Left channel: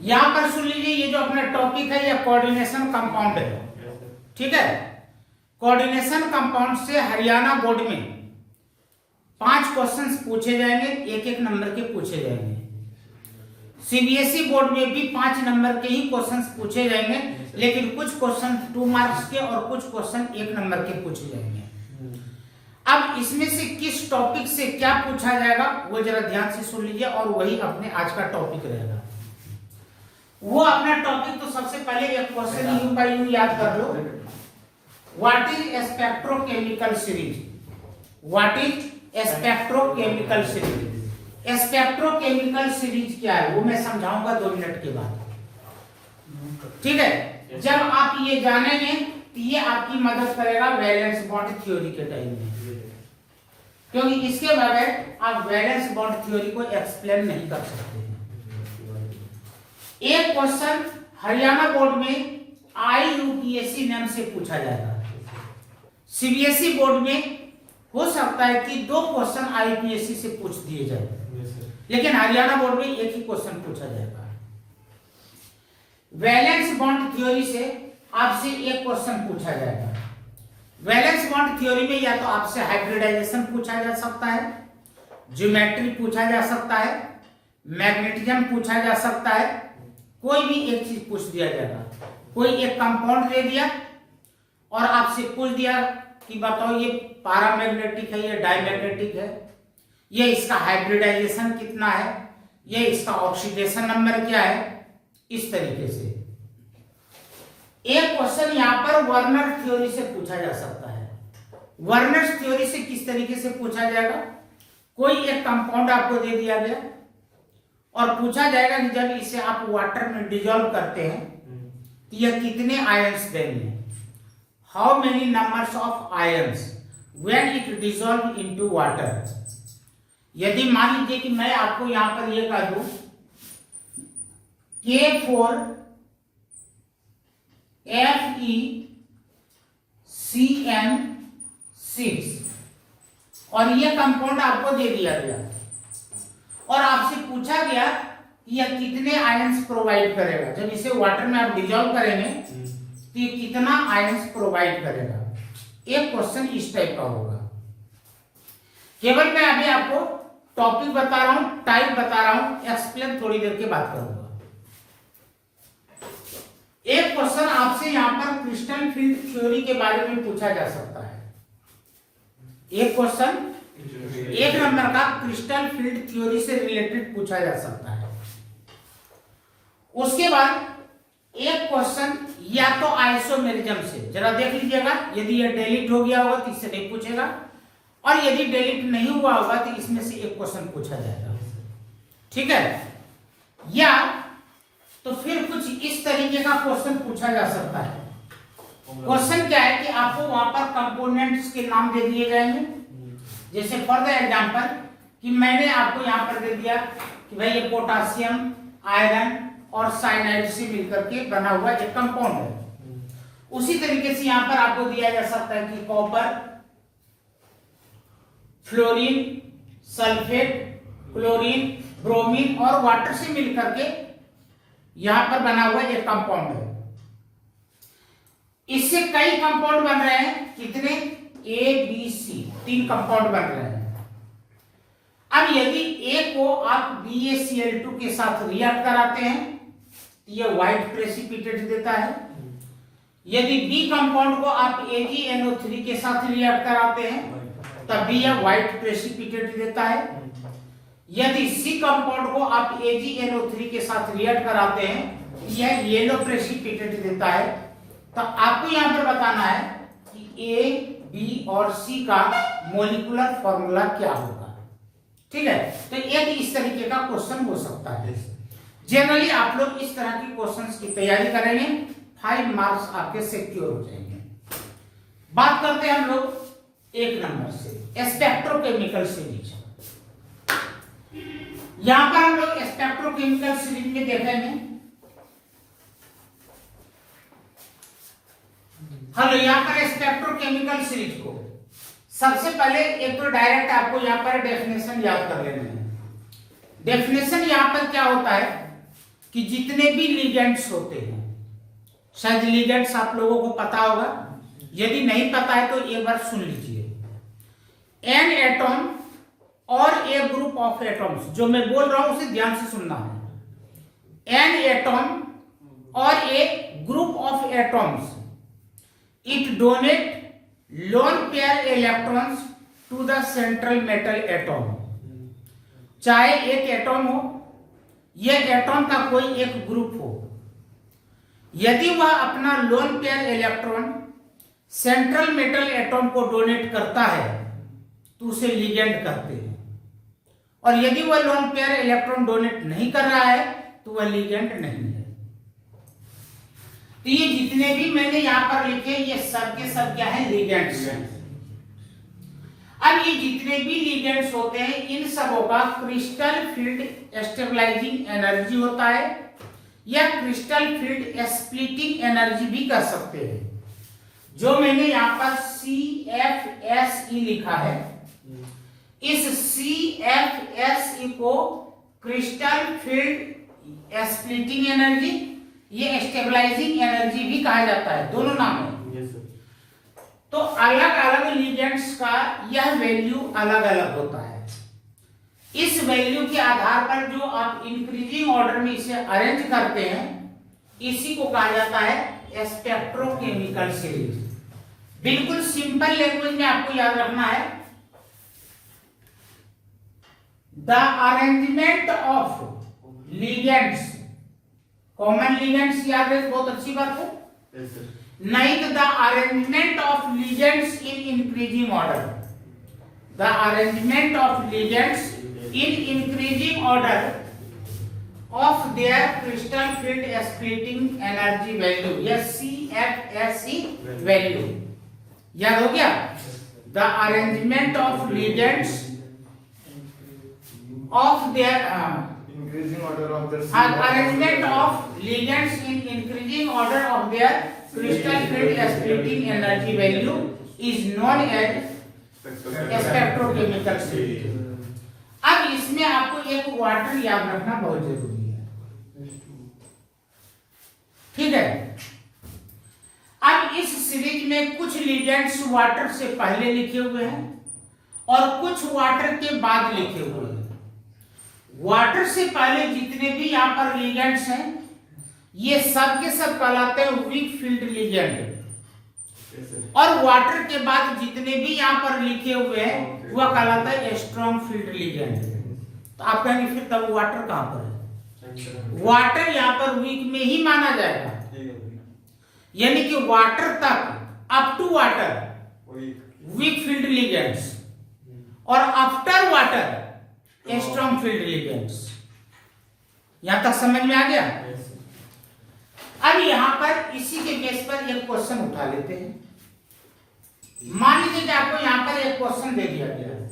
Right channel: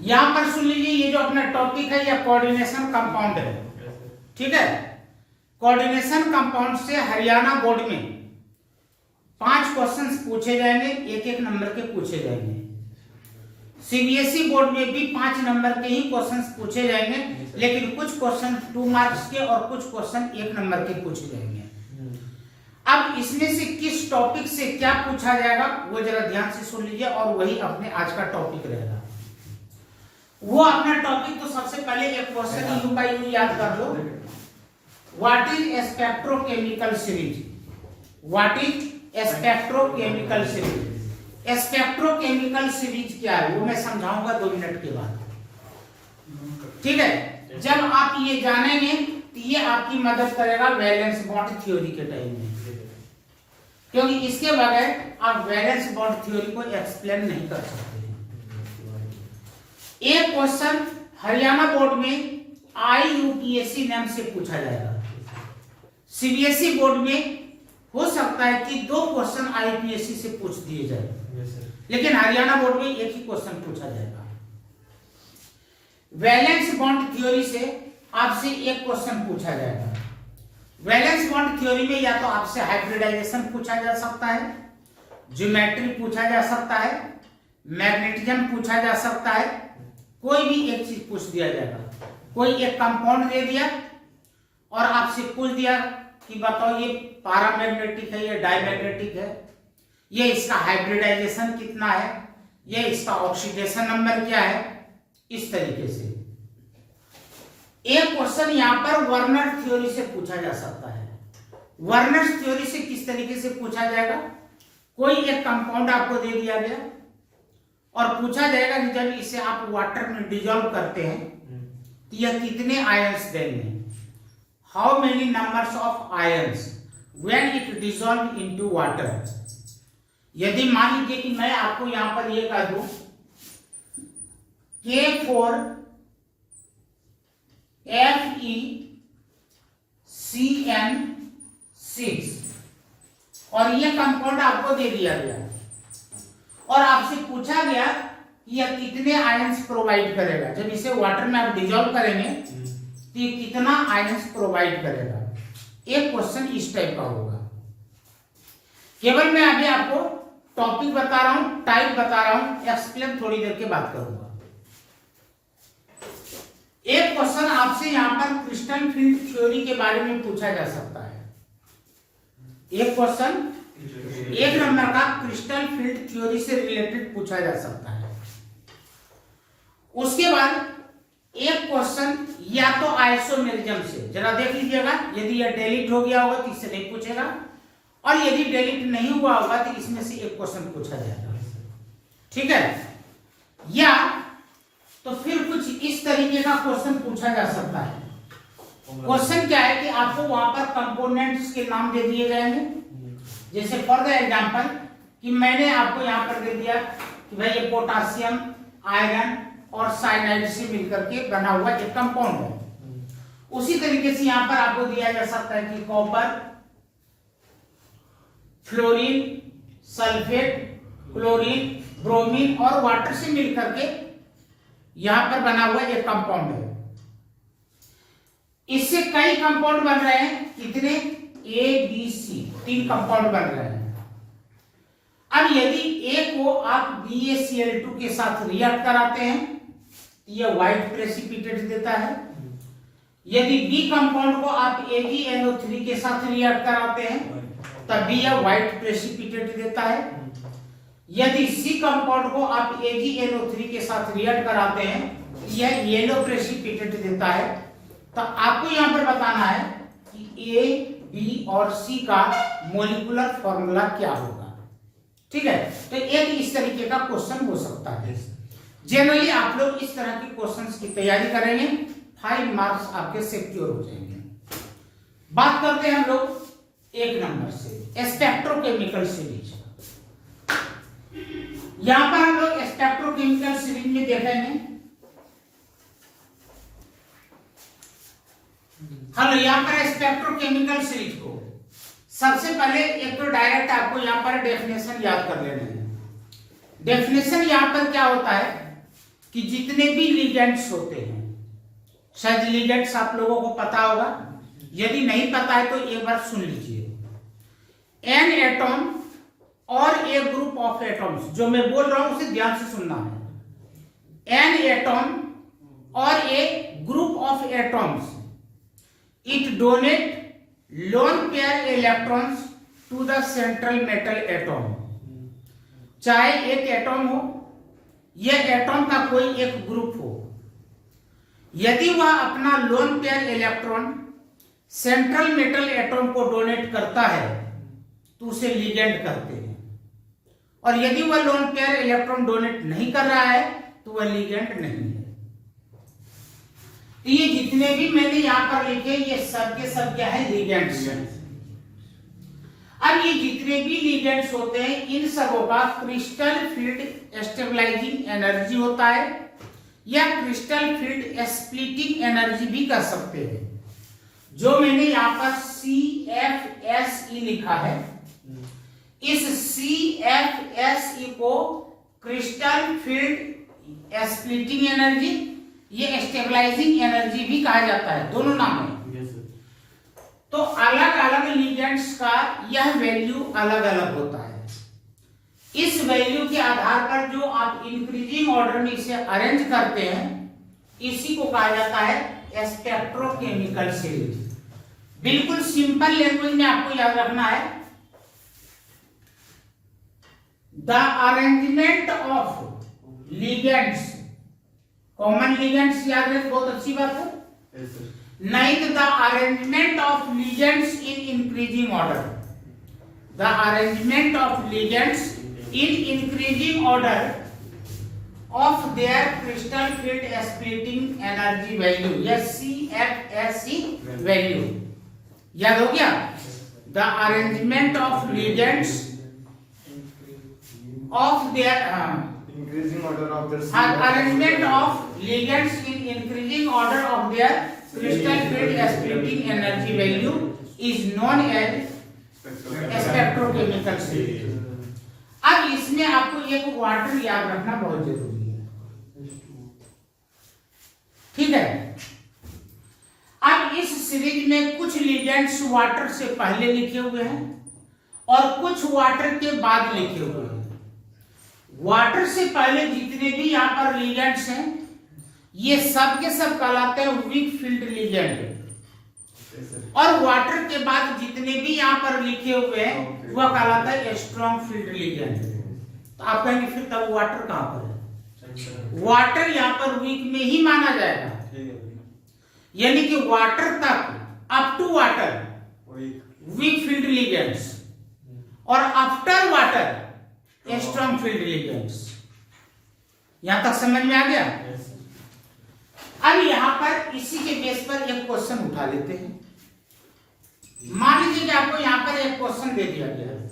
यहां पर सुन लीजिए, ये जो अपना टॉपिक है ये कोऑर्डिनेशन कंपाउंड है, ठीक है। कोऑर्डिनेशन कंपाउंड से हरियाणा बोर्ड में 5 क्वेश्चंस पूछे जाएंगे, एक एक नंबर के पूछे जाएंगे। सीबीएसई बोर्ड में भी 5 नंबर के ही क्वेश्चंस पूछे जाएंगे, लेकिन कुछ क्वेश्चन 2 मार्क्स के और कुछ क्वेश्चन 1 नंबर के पूछे जाएंगे। अब इसमें से किस टॉपिक से क्या पूछा जाएगा वो जरा ध्यान से सुन लीजिए, और वही अपने आज का टॉपिक रहेगा। वो अपना टॉपिक तो सबसे पहले एक क्वेश्चन यू का यू याद कर लो। What is spectrochemical series? What is spectrochemical series? Spectrochemical series क्या है वो मैं समझाऊंगा 2 मिनट के बाद, ठीक है। जब आप ये जानेंगे तो ये आपकी मदद करेगा वैलेंस बॉन्ड थ्योरी के टाइम में, क्योंकि इसके बगैर आप वैलेंस बॉन्ड थ्योरी को एक्सप्लेन नहीं कर सकते। एक क्वेश्चन हरियाणा बोर्ड में IUPAC नाम से पूछा जाएगा। सीबीएसई बोर्ड में हो सकता है कि 2 क्वेश्चन IUPAC से पूछ दिए जाए, लेकिन हरियाणा बोर्ड में एक ही क्वेश्चन पूछा जाएगा। वैलेंस बॉन्ड थ्योरी से आपसे एक क्वेश्चन पूछा जाएगा। वैलेंस बॉन्ड थ्योरी में या तो आपसे हाइब्रिडाइजेशन पूछा जा सकता है, ज्योमेट्री पूछा जा सकता है, मैग्नेटिज्म पूछा जा सकता है, कोई भी एक चीज पूछ दिया जाएगा। कोई एक कंपाउंड दे दिया और आपसे पूछ दिया कि बताओ ये पैरामैग्नेटिक है, ये डायमैग्नेटिक है, ये इसका हाइब्रिडाइजेशन कितना है, ये इसका ऑक्सीडेशन नंबर क्या है, इस तरीके से। एक क्वेश्चन यहां पर वर्नर थ्योरी से पूछा जा सकता है। वर्नर थ्योरी से किस तरीके से पूछा जाएगा? कोई एक कंपाउंड आपको दे दिया गया और पूछा जाएगा कि जब इसे आप वाटर में डिजोल्व करते हैं तो यह कितने आयंस देंगे। How many numbers of ions when it dissolve into water. यदि मान लीजिए कि मैं आपको यहां पर यह कह दूं K4 FeCN6 और यह कंपाउंड आपको दे दिया गया और आपसे पूछा गया कि यह कितने आयंस प्रोवाइड करेगा। जब इसे वाटर में आप डिजोल्व करेंगे तो ये कितना आयंस प्रोवाइड करेगा। एक क्वेश्चन इस टाइप का होगा। केवल मैं अभी आपको टॉपिक बता रहा हूं, टाइप बता रहा हूं, एक्सप्लेन थोड़ी देर के बाद करूंगा। एक क्वेश्चन आपसे यहां पर क्रिस्टल फील्ड थ्योरी के बारे में पूछा जा सकता है। एक क्वेश्चन 1 नंबर का क्रिस्टल फील्ड थ्योरी से रिलेटेड पूछा जा सकता है। उसके बाद एक क्वेश्चन या तो आइसोमेरिज्म से, जरा देख लीजिएगा, यदि यह डिलीट हो गया होगा तो इससे नहीं पूछेगा, और यदि डिलीट नहीं हुआ होगा तो इसमें से एक क्वेश्चन पूछा जाएगा, ठीक है। या तो फिर कुछ इस तरीके का क्वेश्चन पूछा जा सकता है। क्वेश्चन क्या है कि आपको वहां पर कंपोनेंट्स के नाम दे दिए जाएंगे। जैसे फॉर द एग्जांपल कि मैंने आपको यहां पर दे दिया कि भाई ये पोटासियम, आयरन और साइनाइड से मिलकर के बना हुआ एक कंपाउंड है। उसी तरीके से यहां पर आपको दिया जा सकता है कि copper, fluorine, sulphate, chlorine, bromine और वाटर से मिलकर के यहां पर बना हुआ एक कंपाउंड है। इससे कई कंपाउंड बन रहे हैं, कितने? ABC 3 कंपाउंड बन रहे हैं। अब यदि A को आप BaCl2 के साथ रिएक्ट कराते हैं तो यह व्हाइट प्रेसिपिटेट देता है। यदि B कंपाउंड को आप AgNO3 के साथ रिएक्ट कराते हैं तब भी यह व्हाइट प्रेसिपिटेट देता है। यदि C कंपाउंड को आप AgNO3 के साथ रिएक्ट कराते हैं यह येलो प्रेसिपिटेट देता है। तो आपको यहां पर बताना है कि A, B और C का मोलिकुलर फॉर्मूला क्या होगा, ठीक है। तो एक इस तरीके का क्वेश्चन हो सकता है। जनरली आप लोग इस तरह की क्वेश्चंस की तैयारी करेंगे, 5 मार्क्स आपके सिक्योर हो जाएंगे। बात करते हैं हम लोग 1 नंबर से, स्पेक्ट्रोकेमिकल सीरीज। यहां पर हम लोग स्पेक्ट्रोकेमिकल सीरीज में देखेंगे, हम यहां पर स्पेक्ट्रोकेमिकल सीरीज को सबसे पहले एक तो डायरेक्ट आपको यहां पर डेफिनेशन याद कर लेना है। डेफिनेशन यहां पर क्या होता है कि जितने भी लिगेंड्स होते हैं, शायद लिगेंड्स आप लोगों को पता होगा, यदि नहीं पता है तो एक बार सुन लीजिए। एन एटॉम और ए ग्रुप ऑफ एटॉम्स, जो मैं बोल रहा हूं उसे ध्यान से सुनना है। एन एटॉम और a group of atoms, it donate lone pair electrons to the central metal atom. चाहे एक एटॉम हो या एटॉम का कोई एक ग्रुप हो, यदि वह अपना lone pair electron central metal atom को डोनेट करता है तो उसे लिगेंड कहते हैं, और यदि वह लोन पेयर इलेक्ट्रॉन डोनेट नहीं कर रहा है तो वह लिगेंड नहीं है। तो ये जितने भी मैंने यहां पर लिखे ये सब के सब क्या है, लिगेंड्स। अब ये जितने भी लिगेंड्स होते हैं इन सबों का क्रिस्टल फील्ड स्टेबलाइजिंग एनर्जी होता है, या क्रिस्टल फील्ड स्प्लिटिंग एनर्जी भी कर सकते हैं। जो मैंने यहां पर CFSE लिखा है, इस CFSE को क्रिस्टल फील्ड स्प्लिटिंग एनर्जी, ये स्टेबलाइजिंग एनर्जी भी कहा जाता है, दोनों नाम है। तो अलग अलग लिगेंड्स का यह वैल्यू अलग अलग होता है। इस वैल्यू के आधार पर जो आप इंक्रीजिंग ऑर्डर में इसे अरेंज करते हैं, इसी को कहा जाता है स्पेक्ट्रोकेमिकल सीरीज। बिल्कुल सिंपल लैंग्वेज में आपको याद रखना है, the arrangement of ligands, common ligands याद रहे, बहुत अच्छी बात है। Ninth, the arrangement of ligands in increasing order. The arrangement of ligands in increasing order of their crystal field splitting energy value, yes, CFSE value. याद हो गया? The arrangement of ligands of their increasing order of their arrangement of ligands in increasing order of their crystal field splitting energy value is known as spectrochemical series. अब इसमें आपको एक water याद रखना बहुत जरूरी है, ठीक है। अब इस सीरीज में कुछ लिगेंड्स वाटर से पहले लिखे हुए हैं और कुछ वाटर के बाद लिखे हुए हैं। वाटर से पहले जितने भी यहां पर लिगेंड्स हैं ये सब के सब कहलाते हैं वीक फील्ड लिगेंड, और वाटर के बाद जितने भी यहां पर लिखे हुए हैं वह कहलाता है स्ट्रॉन्ग फील्ड लिगेंड। तो आप कहेंगे फिर तब वाटर कहां पर है? वाटर यहां पर वीक में ही माना जाएगा, यानी कि वाटर तक, up to water weak field ligands, और after water strong field ligands. यहां तक समझ में आ गया? अब यहां पर इसी के बेस पर एक क्वेश्चन उठा लेते हैं। मान लीजिए कि आपको यहां पर एक क्वेश्चन दे दिया गया है,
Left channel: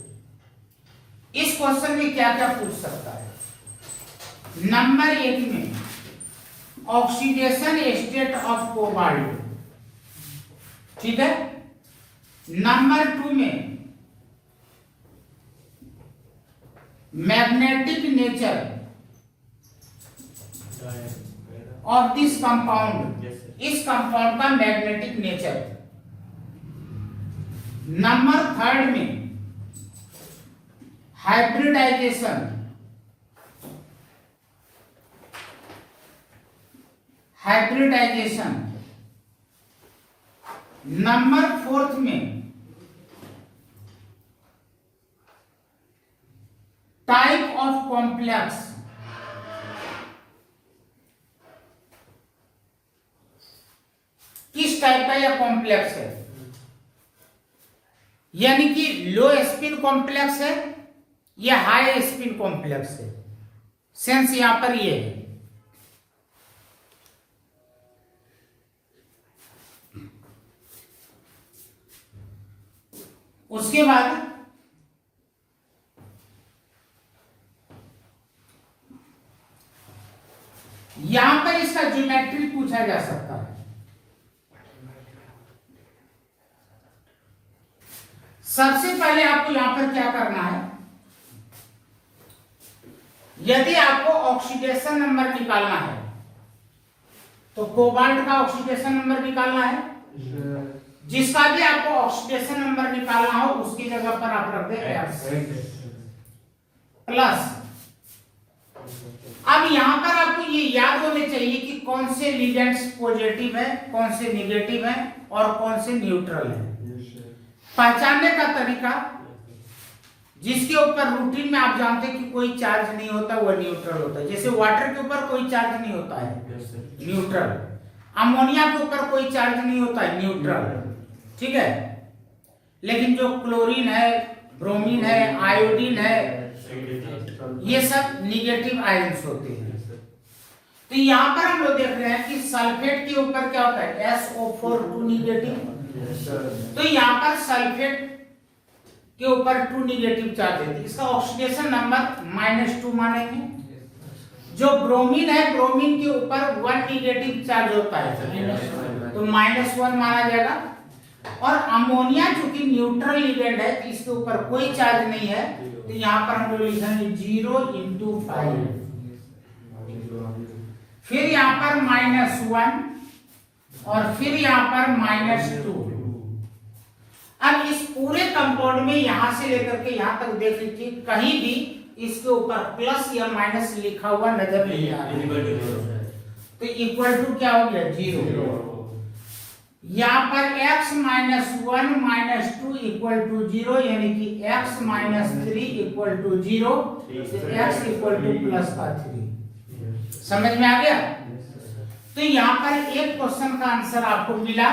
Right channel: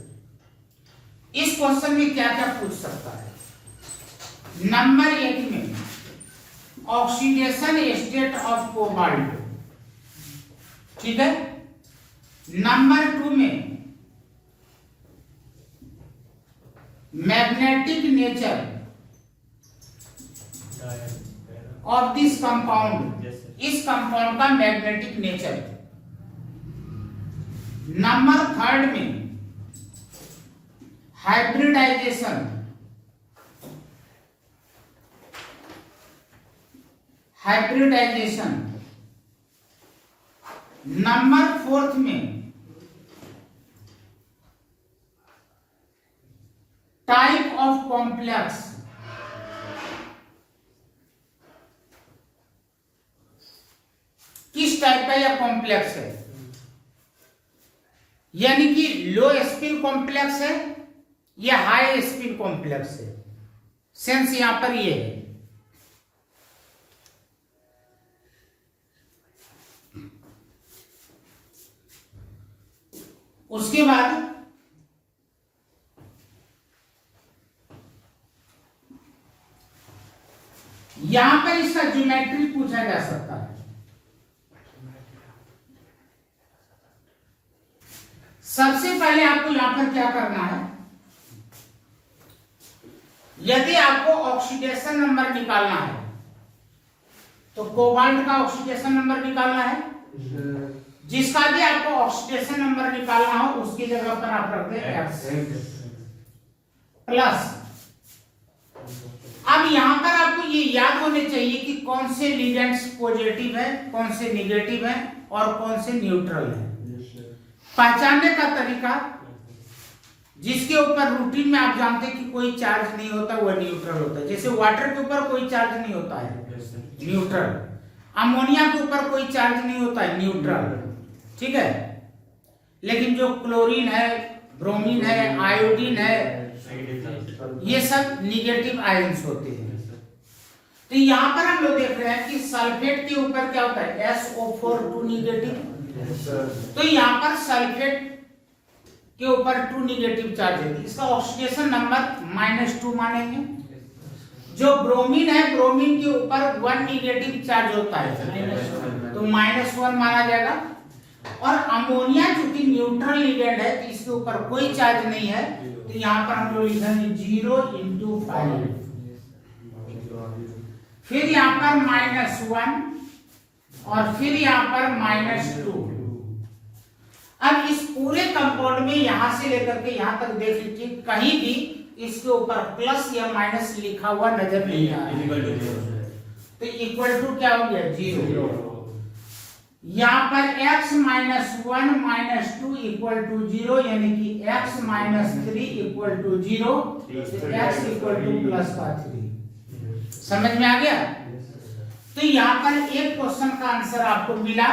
इस क्वेश्चन में क्या क्या पूछ सकता है। नंबर 1 में ऑक्सीडेशन स्टेट ऑफ कोबाल्ट, ठीक है। नंबर 2 में magnetic nature of this compound, इस कंपाउंड का मैग्नेटिक नेचर। नंबर 3 में हाइब्रिडाइजेशन, हाइब्रिडाइजेशन। नंबर 4 में टाइप ऑफ कॉम्प्लेक्स, किस टाइप का यह कॉम्प्लेक्स है, यानी कि लो स्पिन कॉम्प्लेक्स है या हाई स्पिन कॉम्प्लेक्स है। सेंस यहां पर ये है। उसके बाद यहां पर इसका ज्योमेट्री पूछा जा सकता है। सबसे पहले आपको यहां पर क्या करना है, यदि आपको ऑक्सीडेशन नंबर निकालना है तो कोबाल्ट का ऑक्सीडेशन नंबर निकालना है, जिसका भी आपको ऑक्सीडेशन नंबर निकालना हो उसकी जगह पर आप रख दें X प्लस। अब यहां पर आपको ये याद होने चाहिए कि कौन से लिगेंड्स पॉजिटिव है, कौन से नेगेटिव है और कौन से न्यूट्रल है। पहचानने का तरीका, जिसके ऊपर रूटीन में आप जानते हैं कि कोई चार्ज नहीं होता वह न्यूट्रल होता है। जैसे वाटर के ऊपर कोई चार्ज नहीं होता है, न्यूट्रल। अमोनिया के ऊपर कोई चार्ज नहीं होता है, न्यूट्रल। ठीक है, लेकिन जो क्लोरीन है, ब्रोमीन है, आयोडीन है, ये सब निगेटिव आयंस होते हैं। तो यहां पर हम लोग देख रहे हैं कि सल्फेट के ऊपर क्या होता है, SO4 2 निगेटिव। तो यहां पर सल्फेट के ऊपर 2 निगेटिव चार्ज है, इसका ऑक्सीडेशन नंबर -2 मानेंगे। जो ब्रोमीन है, ब्रोमीन के ऊपर 1 निगेटिव चार्ज होता है तो -1 माना जाएगा। और अमोनिया चूंकि न्यूट्रल लिगेंड है तो इसके ऊपर कोई चार्ज नहीं है, तो यहां पर हम लोग लिखेंगे 0 × 5। फिर यहां पर -1 और फिर यहां पर -2। अब इस पूरे कंपाउंड में यहां से लेकर के यहां तक देख लीजिए, कहीं भी इसके ऊपर प्लस या माइनस लिखा हुआ नजर नहीं आ रहा है, तो इक्वल टू क्या हो गया, 0। यहां पर x - 1 - 2 इक्वल टू 0, यानी कि x - 3 equal to 0, x equal to plus का 3। समझ में आ गया। तो यहां पर एक क्वेश्चन का आंसर आपको मिला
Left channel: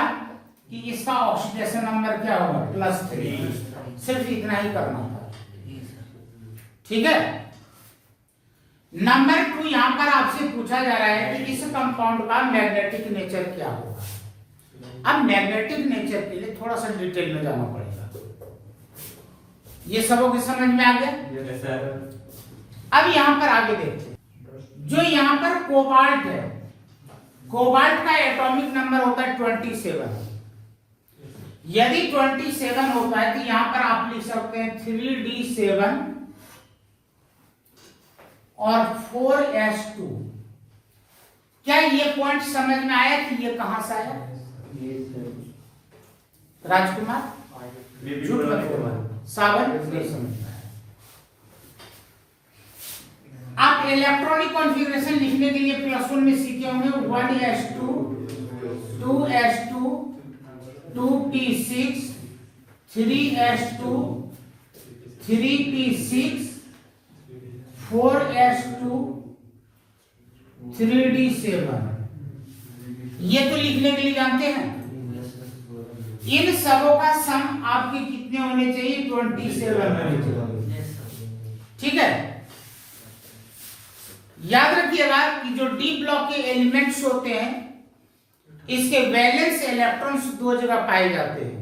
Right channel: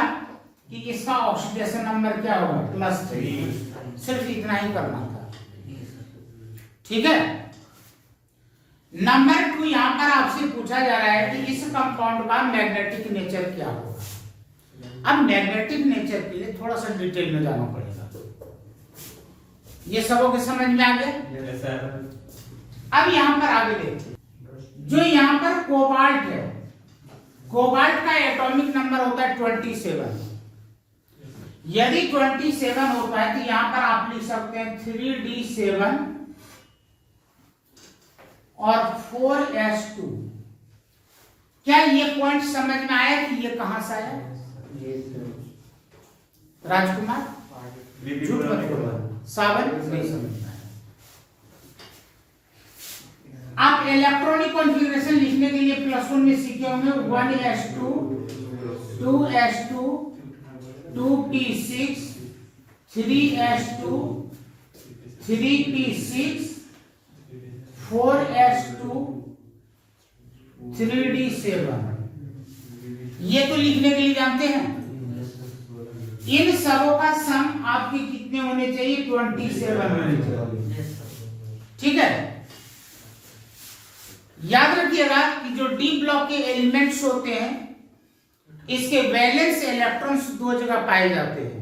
कि इसका ऑक्सीडेशन नंबर क्या होगा, +3। सिर्फ इतना ही करना था। ठीक है। नंबर 2, यहां पर आपसे पूछा जा रहा है कि इस कंपाउंड का मैग्नेटिक नेचर क्या होगा। अब मैग्नेटिक नेचर के लिए थोड़ा सा डिटेल में जाना पड़ेगा। ये सबों के समझ में आ गया। अब यहां पर आगे देखते हैं, जो यहां पर कोबाल्ट है, कोबाल्ट का एटॉमिक नंबर होता है 27। यदि 27 होता है तो यहां पर आप लिख सकते हैं 3d7 और 4s2। क्या ये पॉइंट समझ में आया कि ये कहां से आया? राजकुमार झूठ मत बोलना, सावन नहीं समझ में आया। आप इलेक्ट्रॉनिक कॉन्फ़िगरेशन लिखने के लिए +1 में सीखे होंगे 1s2 2s2 2p6 3s2 3p6 4s2 3d7। ये तो लिखने के लिए जानते हैं। इन सबों का सम आपके कितने होने चाहिए, 27 होने चाहिए। ठीक है। याद रखिएगा कि जो डी ब्लॉक के एलिमेंट्स होते हैं, इसके वैलेंस इलेक्ट्रॉन्स 2 जगह पाए जाते हैं।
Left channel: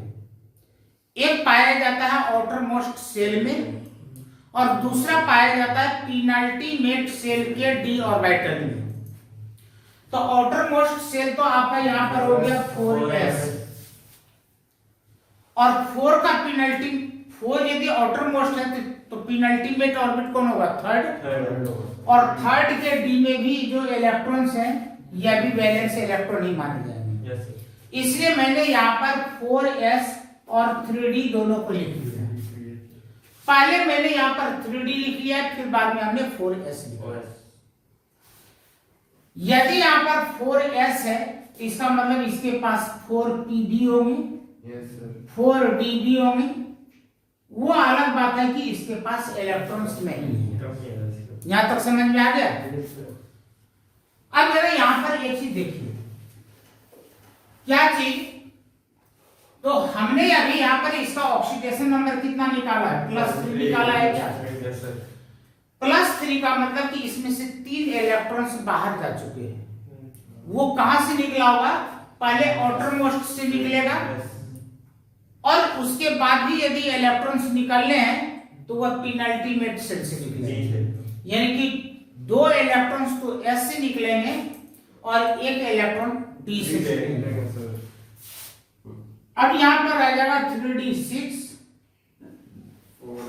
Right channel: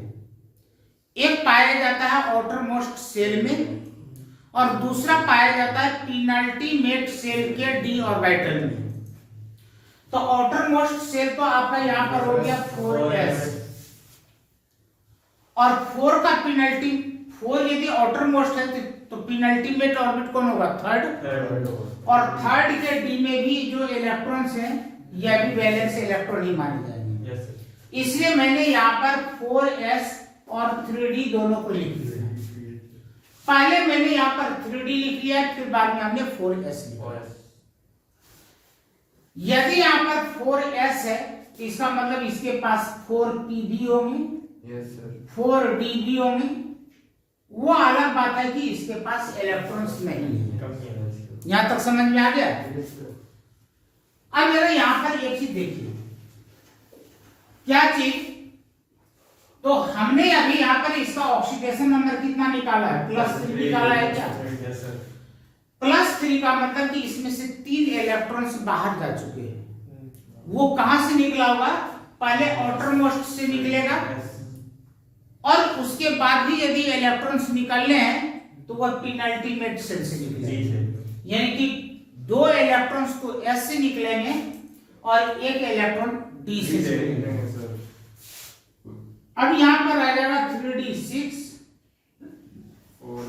एक पाया जाता है आउटर मोस्ट सेल में और दूसरा पाया जाता है पेनल्टीमेट सेल के डी ऑर्बिटल में। तो आउटर मोस्ट सेल तो आपका यहां पर हो गया 4s, और 4 का पेनल्टी 4 यदि आउटर मोस्ट है तो पेनल्टीमेट ऑर्बिट कौन होगा, थर्ड। और थर्ड के डी में भी जो इलेक्ट्रॉन्स हैं यह भी वैलेंस इलेक्ट्रॉन ही माने जाएंगे। इसलिए मैंने यहाँ पर 4s और 3d दोनों को लिख लिया। पहले मैंने यहाँ पर 3d लिख लिया, फिर बाद में हमने 4s लिखा। यदि यहाँ पर 4s है तो इसका मतलब इसके पास 4p भी होंगे, 4d भी होंगे। वो अलग बात है कि इसके पास इलेक्ट्रॉन्स नहीं है। यहां तक समझ में आ गया। अब जरा यहां पर एक चीज देखिए, क्या चीज, तो हमने अभी यहां पर इसका ऑक्सीडेशन नंबर कितना निकाला है, +3 निकाला है। क्या +3 का मतलब कि इसमें से 3 इलेक्ट्रॉन्स बाहर जा चुके हैं। वो कहां से निकला होगा, पहले आउटर मोस्ट से निकलेगा और उसके बाद भी यदि इलेक्ट्रॉन्स निकलने हैं तो वह पेनल्टीमेट सेल से निकलेंगे। यानी कि 2 इलेक्ट्रॉन्स तो S से निकलेंगे और 1 इलेक्ट्रॉन D से निकलेंगे। अब यहां पर आ जाएगा 3d6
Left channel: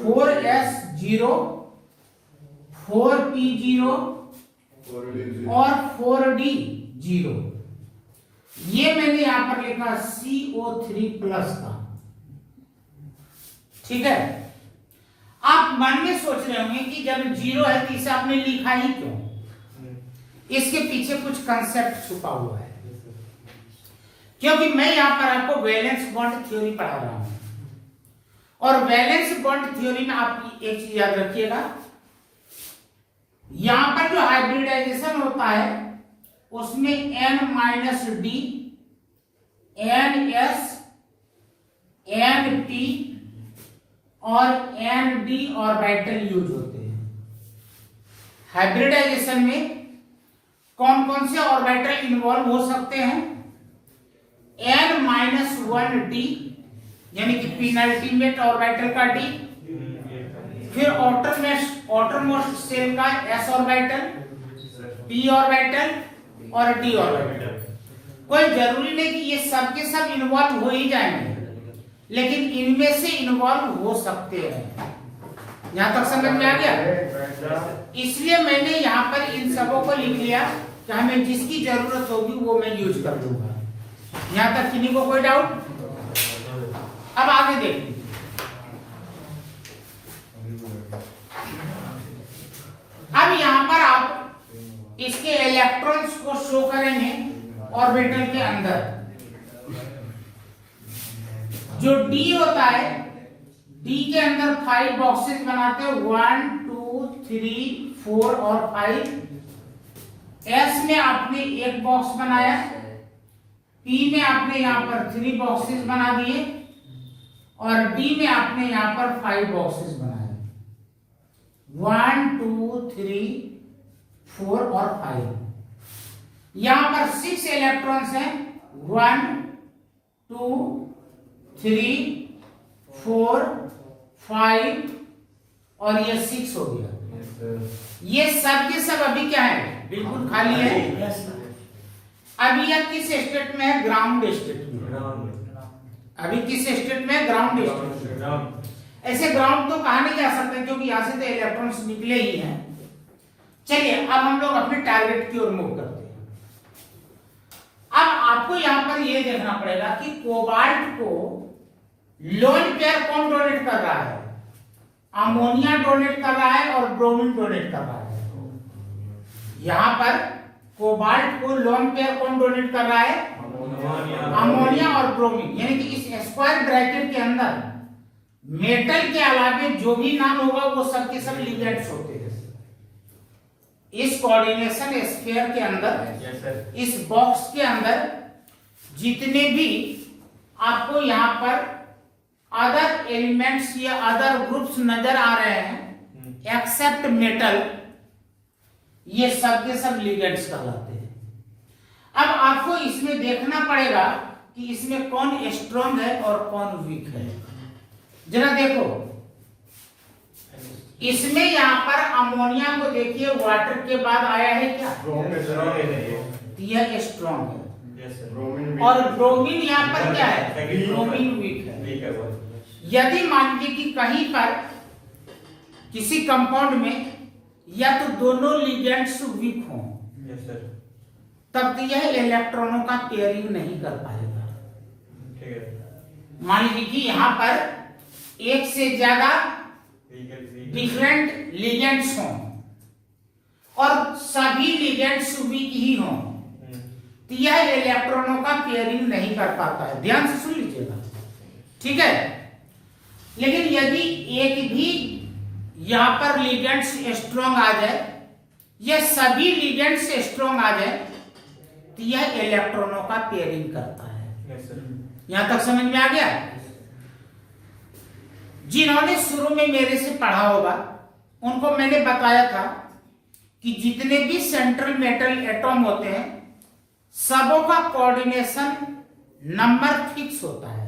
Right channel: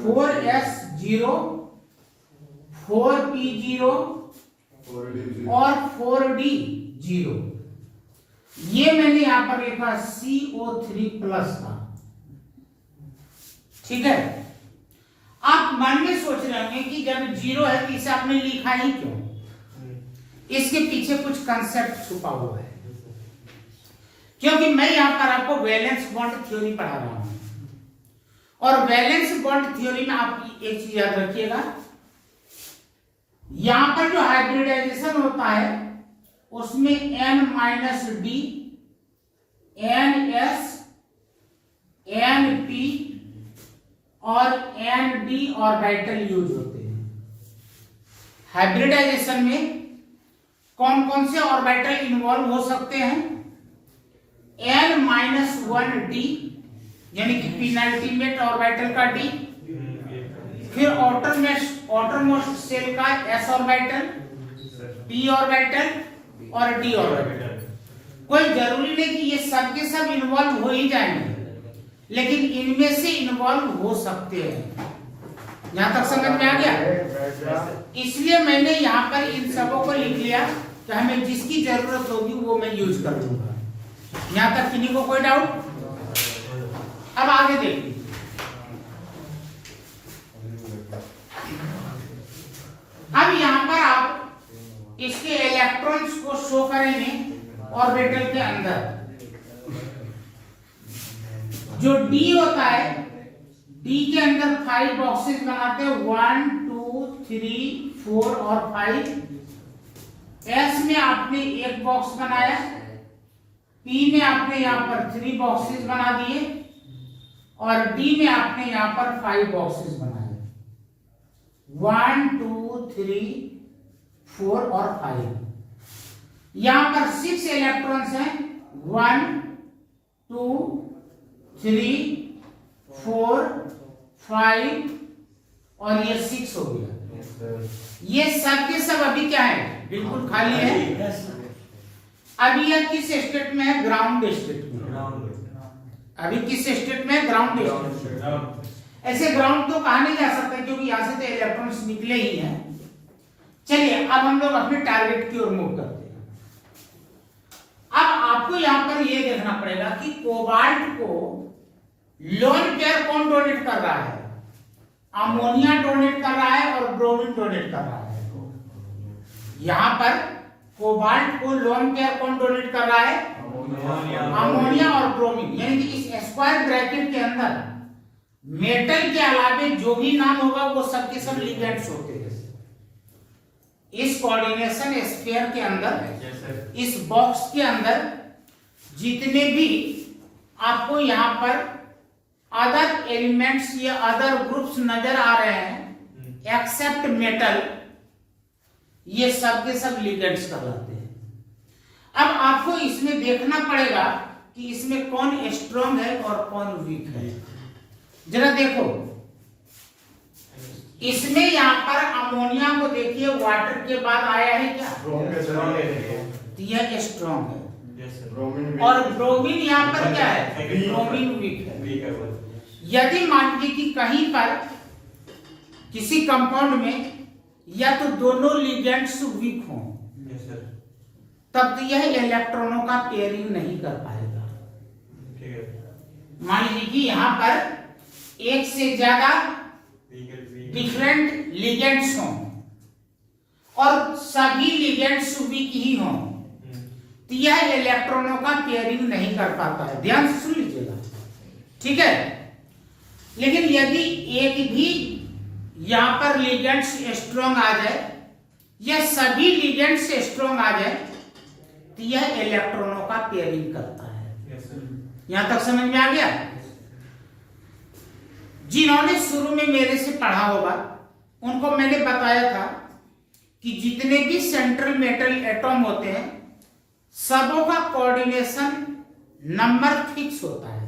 4s0 4p0 और 4d0। ये मैंने यहां पर लिखा CO3 प्लस का। ठीक है, आप मन में सोच रहे होंगे कि जब 0 है तो इसे आपने लिखा ही क्यों? इसके पीछे कुछ कंसेप्ट छुपा हुआ है, क्योंकि मैं यहां पर आपको वैलेंस बॉन्ड थ्योरी पढ़ा रहा हूं, और वैलेंस बॉन्ड थ्योरी में आप एक चीज याद रखिएगा, यहां पर जो हाइब्रिडाइजेशन होता है उसमें N-D, NS, NP और ND ऑर्बिटल यूज होते हैं। हाइब्रिडाइजेशन में कौन कौन से ऑर्बिटल इन्वॉल्व हो सकते हैं? N-1D यानी कि पेनल्टीमेट ऑर्बिटल का D, फिर आउटरमोस्ट शेल का S ऑर्बिटल, P ऑर्बिटल और D ऑर्बिटल। कोई जरूरी नहीं कि ये सब के सब इन्वॉल्व हो ही जाएंगे, लेकिन इनमें से इन्वॉल्व हो सकते हैं। यहां तक समझ में आ गया? इसलिए मैंने यहां पर इन सबों को लिख लिया कि हमें जिसकी जरूरत होगी वो मैं यूज कर लूंगा। यहां तक किसी को कोई डाउट? अब आगे देखिए, अब यहां पर आप इसके इलेक्ट्रॉन्स को शो करेंगे ऑर्बिटल के अंदर। जो D होता है, D के अंदर 5 बॉक्सेस बनाते हैं, 1 2 3 4 और 5। S में आपने एक बॉक्स बनाया, P में आपने यहां पर 3 बॉक्सेस बना दिए, और D में आपने यहां पर 5 बॉक्सेस बनाए, 1 2 3 4 और 5। यहां पर 6 इलेक्ट्रॉन्स हैं, 1 2 3 4 5 और ये 6 हो गया। ये सब के सब अभी क्या है? बिल्कुल खाली है। अभी यह किस स्टेट में है? ग्राउंड स्टेट में। अभी किस स्टेट में है? ग्राउंड स्टेट में। ऐसे ग्राउंड तो कहा नहीं जा सकता, क्योंकि यहां से तो इलेक्ट्रॉन्स निकले ही हैं। चलिए अब हम लोग अपने टारगेट की ओर मूव करते हैं। अब आपको यहां पर यह देखना पड़ेगा कि कोबाल्ट को लोन पेयर कौन डोनेट कर रहा है? अमोनिया डोनेट कर रहा है और ब्रोमीन डोनेट कर रहा है। यहां पर कोबाल्ट को लोन पेयर कौन डोनेट कर रहा है? अमोनिया और ब्रोमीन। यानी कि इस स्क्वायर ब्रैकेट के अंदर मेटल के अलावे जो भी नाम होगा वो सब के सब लिगेंड्स होते हैं। इस कोऑर्डिनेशन स्फीयर के अंदर, इस बॉक्स के अंदर जितने भी आपको यहां पर अदर एलिमेंट्स या अदर ग्रुप्स नजर आ रहे हैं एक्सेप्ट मेटल, ये सब के सब लिगेंड्स कहलाते हैं। अब आपको इसमें देखना पड़ेगा कि इसमें कौन स्ट्रॉन्ग है और कौन वीक है। जरा देखो, इसमें यहां पर अमोनिया को देखिए, वाटर के बाद आया है क्या? तो यह स्ट्रॉन्ग है, और ब्रोमीन यहां पर क्या है? ब्रोमीन वीक है। यदि मान लीजिए कि कहीं पर किसी कंपाउंड में या तो दोनों लिगेंड्स वीक हों, तब तो यह इलेक्ट्रॉनों का पेयरिंग नहीं कर पाएगा। मान लीजिए कि यहां पर एक से ज्यादा डिफरेंट लिगेंड्स हों और सभी लिगेंड्स वीक ही हों, तो यह इलेक्ट्रॉनों का पेयरिंग नहीं कर पाता है। ध्यान से सुन लीजिएगा, ठीक है। लेकिन यदि एक भी यहां पर लिगेंड्स स्ट्रॉन्ग आ जाए या सभी लिगेंड्स स्ट्रॉन्ग आ जाए, तो यह इलेक्ट्रॉनों का पेयरिंग करता है। यहां तक समझ में आ गया? जिन्होंने शुरू में मेरे से पढ़ा होगा उनको मैंने बताया था कि जितने भी सेंट्रल मेटल एटॉम होते हैं सबों का कोऑर्डिनेशन नंबर फिक्स होता है।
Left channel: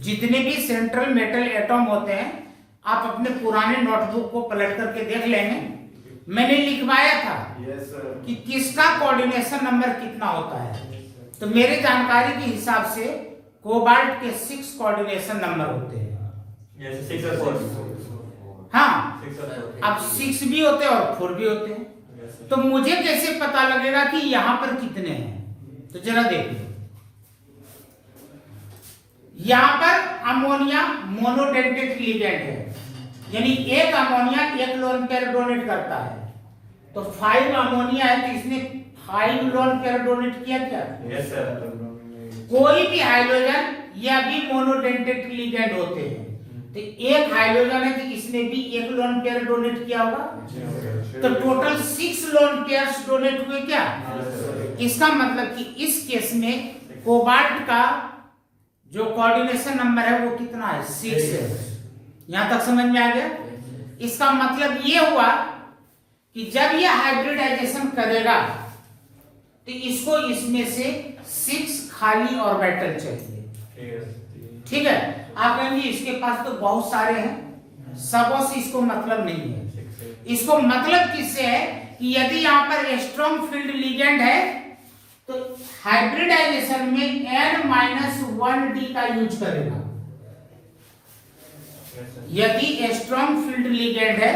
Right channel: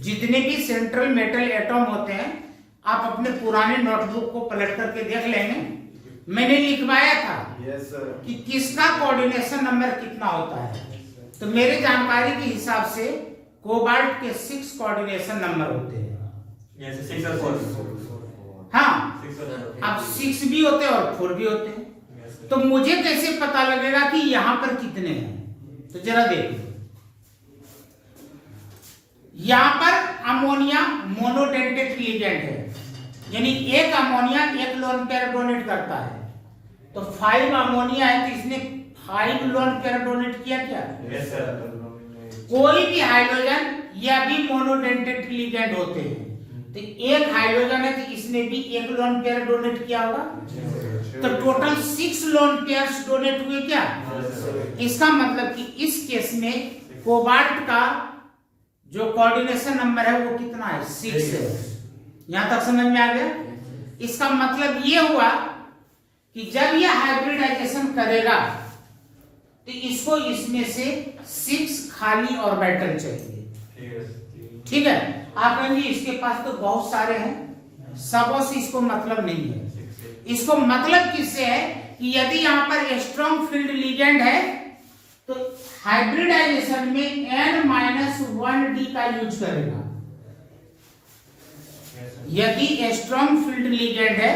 जितने भी सेंट्रल मेटल एटॉम होते हैं, आप अपने पुराने नोटबुक को पलट करके देख लेंगे, मैंने लिखवाया था कि किसका कोऑर्डिनेशन नंबर कितना होता है। तो मेरे जानकारी के हिसाब से कोबाल्ट के 6 कोऑर्डिनेशन नंबर होते हैं। हाँ, अब 6 भी होते हैं और 4 भी होते हैं। तो मुझे कैसे पता लगेगा कि यहां पर कितने हैं? तो जरा देखो, यहां पर अमोनिया मोनोडेंटेट लिगेंड है, यानी एक अमोनिया एक लोन पेयर डोनेट करता है। तो 5 अमोनिया है तो इसने 5 लोन पेयर डोनेट किया क्या? Yes, sir. कोई भी हाइड्रोजन या भी मोनोडेंटेट लिगेंड होते हैं, तो एक हाइड्रोजन है तो इसने भी एक लोन पेयर डोनेट किया होगा। तो टोटल 6 लोन पेयर्स डोनेट हुए क्या? इसका मतलब कि इस केस में कोबाल्ट का जो कोऑर्डिनेशन नंबर है वो कितना है? 6 है। यहां तक समझ में आ गया? इसका मतलब ये हुआ कि जब ये हाइब्रिडाइजेशन करेगा तो इसको इसमें से 6 खाली ऑर्बिटल चाहिए। ठीक है, आप कहेंगे इसके पास तो बहुत सारे हैं, सबों से इसको मतलब नहीं है। इसको मतलब किससे है कि यदि यहां पर स्ट्रॉन्ग फील्ड लिगेंड है तो हाइब्रिडाइजेशन में n-1d का यूज करेगा। यदि स्ट्रॉन्ग फील्ड लिगेंड है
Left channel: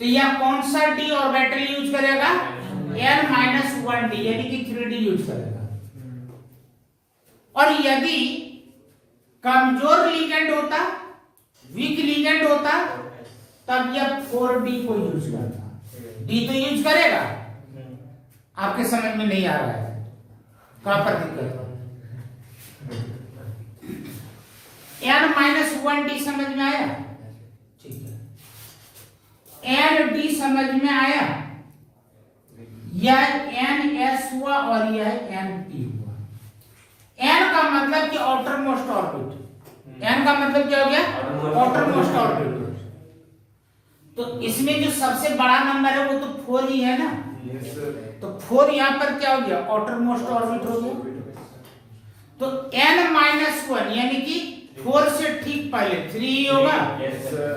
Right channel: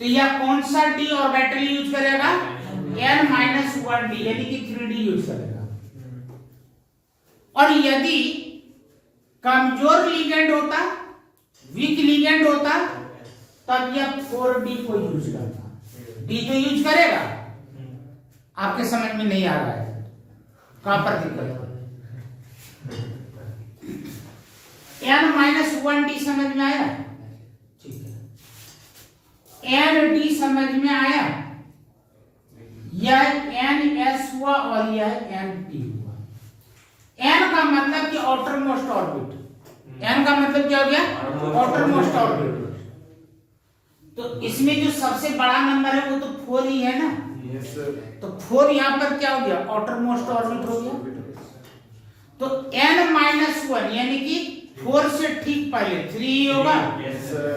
तो यह कौन सा d ऑर्बिटल यूज करेगा? n-1d यानी कि 3d यूज करेगा। और यदि कमजोर लिगेंड होता, वीक लिगेंड होता, तब यह 4d को यूज करता। d तो यूज करेगा। आपके समझ में नहीं आ रहा है? कहां पर दिक्कत? n-1d समझ में आया? ठीक है, n-d समझ में आया? यह n-s हुआ और यह n-p हुआ। n का मतलब कि आउटर मोस्ट ऑर्बिट। n का मतलब क्या हो गया? Outer most orbit. तो इसमें जो सबसे बड़ा नंबर है वो तो 4 ही है ना। Yes, sir. तो 4 यहां पर क्या हो गया? आउटर मोस्ट ऑर्बिट हो गया। तो n-1 यानी कि 4 से ठीक पहले 3 होगा। Yes, sir.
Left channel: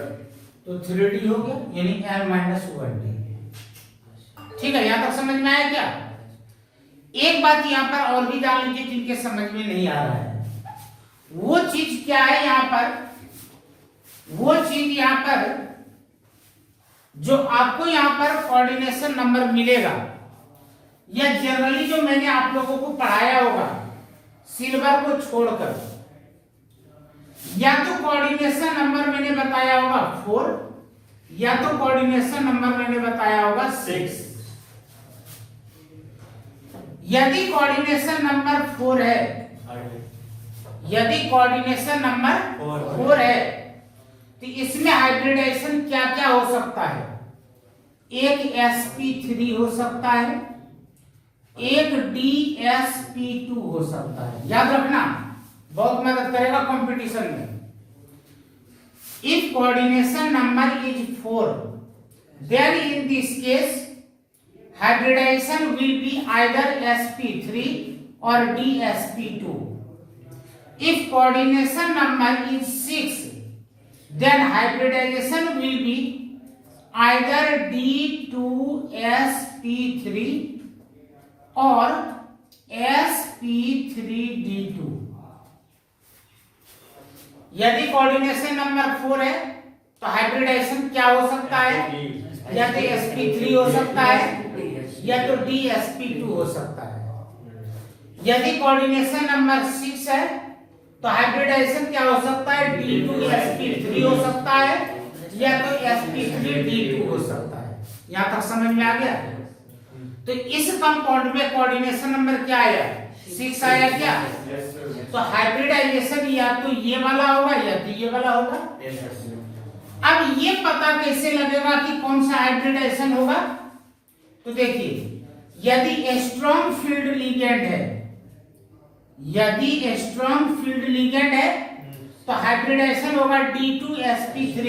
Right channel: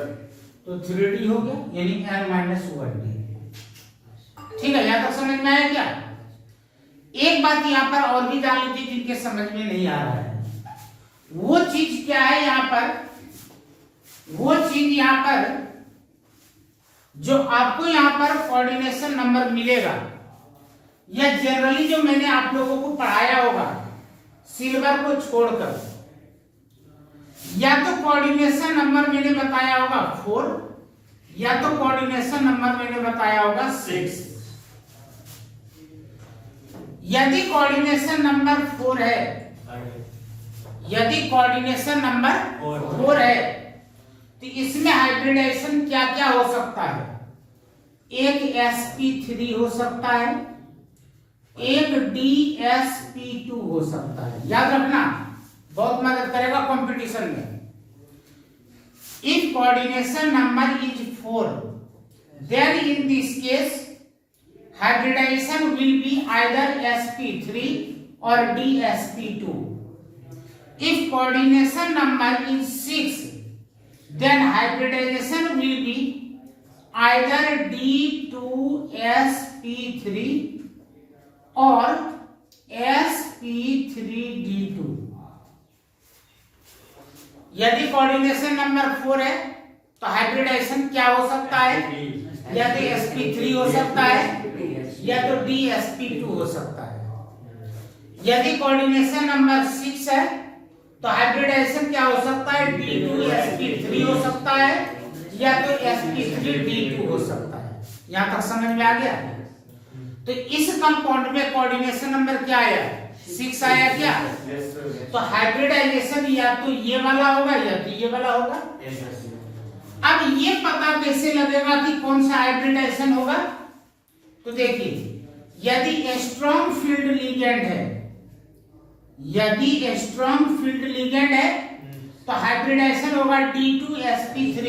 तो 3d हो गया, यानी n-1d। ठीक है, यहां तक समझ में आया क्या? एक बात यहां पर और भी जान लीजिए जिनके समझ में नहीं आ रहा है। वो चीज क्या है यहां पर? वो चीज यहां पर जो आपको यहां पर कोऑर्डिनेशन नंबर मिलेगा, या जनरली जो मैंने आप लोगों को पढ़ाया होगा सिल्वर को छोड़कर, या तो कोऑर्डिनेशन नंबर मैंने बताया होगा 4, या तो कोऑर्डिनेशन नंबर मैंने बताया होगा 6। यदि कोऑर्डिनेशन नंबर 4 है, यदि कोऑर्डिनेशन नंबर 4 है तो इसमें हाइब्रिडाइजेशन क्या क्या हो सकता है? एक sp3 हो सकता है, एक dsp2 हो सकता है। याद रखना, बहुत मदद करेगा कंपटीशन में। If coordination number is 4, then in this case hybridization will be either sp3 or dsp2. If coordination number is 6, then hybridization will be either d2sp3 or sp3d2। यदि कोऑर्डिनेशन नंबर 4 है तो हाइब्रिडाइजेशन क्या हो सकता है? या तो sp3 हो सकता है या तो dsp2 हो सकता है। यदि कोऑर्डिनेशन नंबर 6 है तो हाइब्रिडाइजेशन क्या हो सकता है? d2sp3 हो सकता है या तो sp3d2 हो सकता है। यहां तक समझ में आ गया? तो इस कंपाउंड में कोऑर्डिनेशन नंबर क्या आया? 6 आया क्या? Yes, sir. तो हाइब्रिडाइजेशन या तो ये वाला होगा या तो ये वाला होगा। Yes, sir. अब ये पता कैसे लगेगा कि कौन सा हाइब्रिडाइजेशन होगा? तो देखिए, यदि स्ट्रॉन्ग फील्ड लिगेंड है, यदि स्ट्रॉन्ग फील्ड लिगेंड है तो हाइब्रिडाइजेशन होगा d2sp3,